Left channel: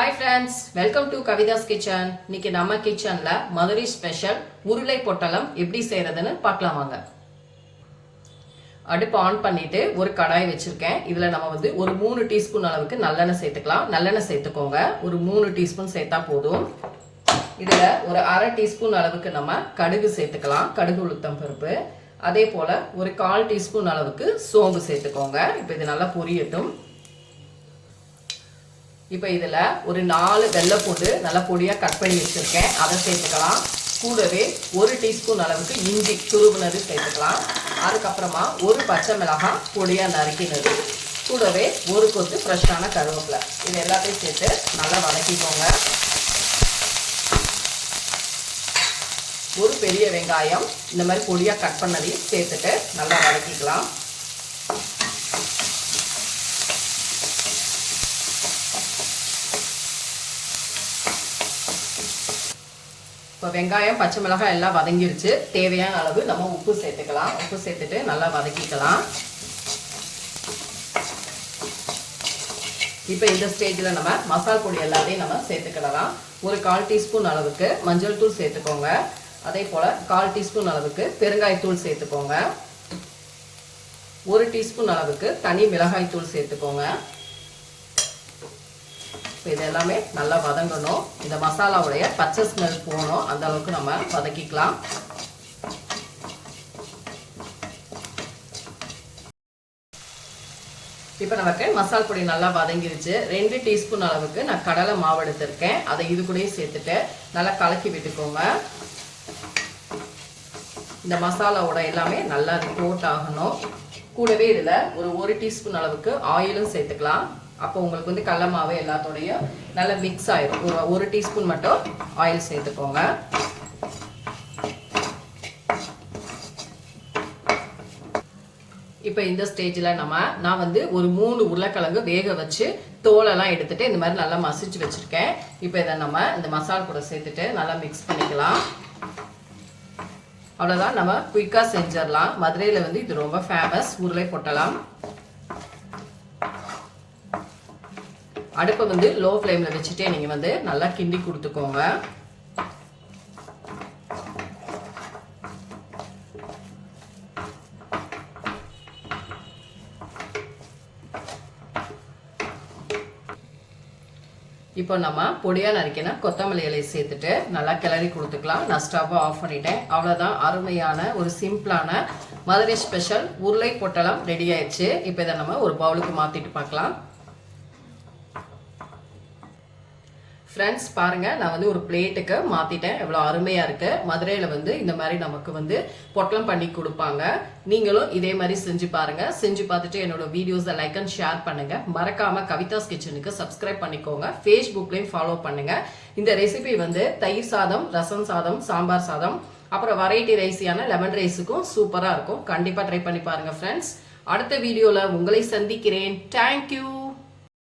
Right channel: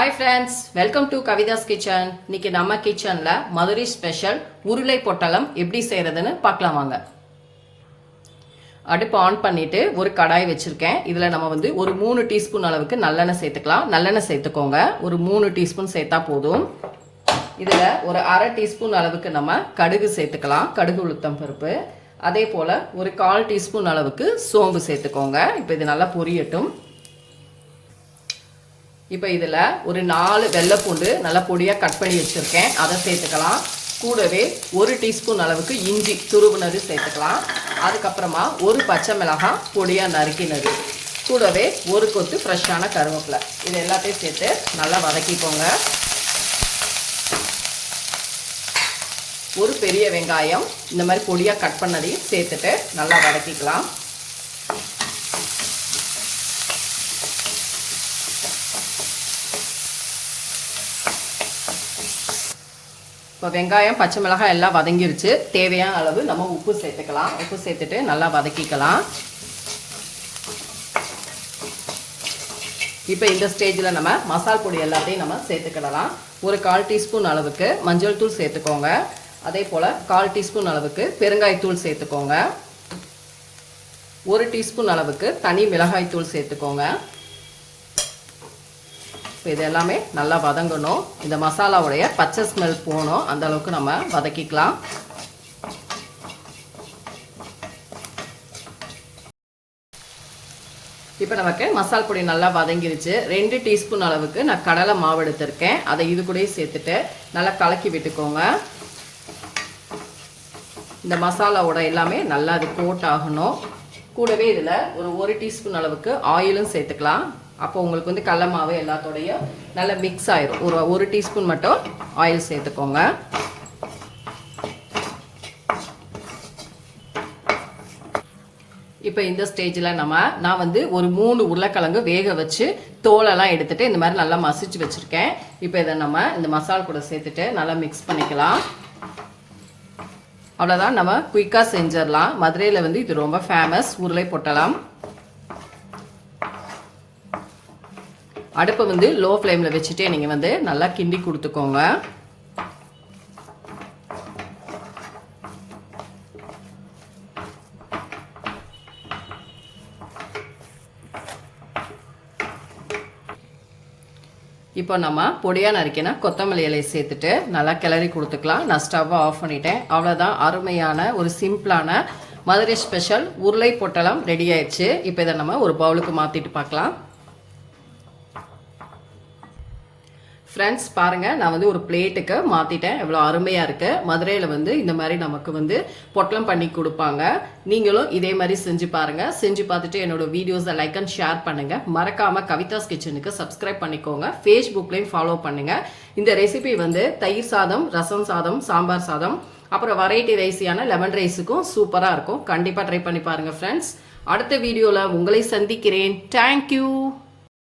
Hi friends, welcome to Kavitha's kitchen. இன்னைக்கு நம்ம கிச்சன்ல மதுரை ஸ்பெஷல் உருளை பொட்டலம் எப்படி செய்யறதுன்னு பார்க்கலாம் வாங்க. அடுப்பு ஆன் பண்ணிட்டு ஒரு கடாய் வச்சிருக்கேன். இதுல நம்ம ஒரு 3 டீஸ்பூன் அளவுக்கு நல்லெண்ணெய் சேர்த்துக்கலாம். நல்லெண்ணெய் சேர்த்துக்கோங்க. ஒரு 3 டீஸ்பூன் சேர்த்தா போதும். இதுல ஒரு அரை டீஸ்பூன் அளவுக்கு நம்ம கடுகு சேர்த்துக்கலாம். கடுகு உளுத்தம் பருப்பு. அதே போல ஒரு 1/4 டீஸ்பூன் அளவுக்கு சோம்பு சேர்த்துக்கோங்க. இப்போ இது நல்லா பொரியட்டும். இப்போ இதில் ஒரு 4 வெள்ளைப்பூண்டு நல்லா பொடியாக கட் பண்ணி வச்சுருக்கேன், அதை சேர்த்துக்கலாம். கூடவே 1 டீஸ்பூன் அளவுக்கு இஞ்சி துருவுனது சேர்த்துக்கலாம். அதுக்கப்புறமா ஒரு பச்சை மிளகாய் பொடியாக நறுக்கினது, கூடவே ஒரு கொத்து ஃப்ரெஷ்ஷான கருவேப்பிலை, இது எல்லாத்தையும் சேர்த்து நல்லா வதக்கிக்கோங்க. ஒரு பெரிய வெங்காயம் இந்த மாதிரி பொடியாக கட் பண்ணதையும் சேர்த்துட்டு நல்லா வதக்கிக்கலாம். இப்போ வெங்காயம் பச்சை மிளகாய் எல்லாம் வதங்கிருச்சு. தேவையான அளவு நம்ம உப்பு சேர்த்துக்கலாம். உப்பு சேர்த்துட்டு நல்லா வதக்கிக்கலாம். இப்போ இந்த ஸ்டேஜில் நம்ம மசால் பொடி எல்லாத்தையும் நம்ம சேர்த்துக்கிடலாம். ஒரு 1/4 டீஸ்பூன் அளவுக்கு மஞ்சள் தூள் சேர்த்துக்கோங்க. அதே போல் 1/4 டீஸ்பூன் அளவுக்கு பெருங்காயத்தூள் சேர்த்துக்கோங்க. 1 டீஸ்பூன் அளவுக்கு தனி மிளகாய் தூள் சேர்த்துக்கோங்க. இப்போ இது எல்லாமே நல்லா வதங்கணும். இந்த மசாலாவுடைய பச்சை ஸ்மெல் போகணும், அந்த அளவுக்கு நம்ம வதக்கிக்கலாம். இப்போ நமக்கு மசால் பொடி நல்லா வதங்கிருச்சு. 2 டீஸ்பூன் அளவுக்கு நான் கடலை மாவு எடுத்திருக்கேன், அதை இது கூட சேர்த்துட்டு நல்லா கலக்கி விட்டுக்கோங்க. இந்த மசாலாவோட எல்லாமே நல்லா அது கோட் ஆகணும். கூடவே இதில் ஒரு 1 டீஸ்பூன் அளவுக்கு ஆயிலும் சேர்த்துக்கலாம். அப்போ உங்களுக்கு கடலை மாவு எல்லாத்தோடைய நல்லா மிக்ஸ் ஆயிடும். ஒரு 1 டீஸ்பூன் மட்டும் ஆயில் சேர்த்துக்கோங்க. இப்போ இந்த ஸ்டேஜில் நான் ஒரு 3 உருளைக்கிழங்கு வேக வச்சு தோலெல்லாம் எடுத்துட்டு இந்த மாதிரி நல்லா மசிச்சு வச்சிருக்கேன். இப்போ இதை நம்ம இந்த மசாலா கூட சேர்த்துட்டு நல்லா மிக்ஸ் பண்ணிக்கலாம். அவ்வளோதான், நம்ம குயிக்காக செஞ்சிடலாம். மதுரையில் இது ரொம்ப ஃபேமஸ் உருளை பொட்டலம். அடுப்பை லோ ஃப்ளேமில் வச்சுட்டே நீங்கள் நல்லா கிண்டி கொடுத்துக்கோங்க. இப்போ நம்ம பொடியாக நறுக்கினா கொத்தமல்லி இலையை சேர்த்துட்டு நல்லா கிளறி கொடுத்துக்கலாம். நான் ஸ்டவ்வை ஆஃப் பண்ணிட்டேன். அவ்வளோதான், அருமையான ஒரு சிம்பிளான மதுரை ஸ்பெஷல் உருளை பொட்டலம் ரெடி ஆயிடுச்சு. இப்போ இதை நம்ம ஒரு பவுலுக்கு மாற்றிட்டு பார்க்கலாம். ஃப்ரெண்ட்ஸ் பாருங்கள், நான் ஒரு பிளேட்டுக்கு மாற்றிட்டேன். எவ்வளோ அருமையாக இருக்குது. மதுரையில் இந்த மாதிரி நமக்கு பொட்டலம் பண்ணி கொடுப்பாங்க. நீங்களும் இதே மாதிரி செஞ்சு பாருங்கள். செஞ்சு பார்த்துட்டு என்னோட வீடியோஸை லைக் அண்ட் ஷேர் பண்ணுங்கள். மறக்காமல் கவிதாஸ் கிச்சனுக்கு சப்ஸ்கிரைப் பண்ணிக்கோங்க. ஃபேஸ்புக்லேயும் ஃபாலோ பண்ணுங்கள். இந்த ரெசிபி தயிர் சாதம், ரசம் சாதம், சாம்பார் சாதம், அப்புறம் வெரைட்டி ரைஸியான லெமன் ரைஸுக்கும் சூப்பராக இருக்கும். கண்டிப்பாக ட்ரை பண்ணி பாருங்கள் ஃப்ரெண்ட்ஸ். அடுத்த வீடியோவில் உங்களை சந்திக்கிறேன். தேங்க்யூ.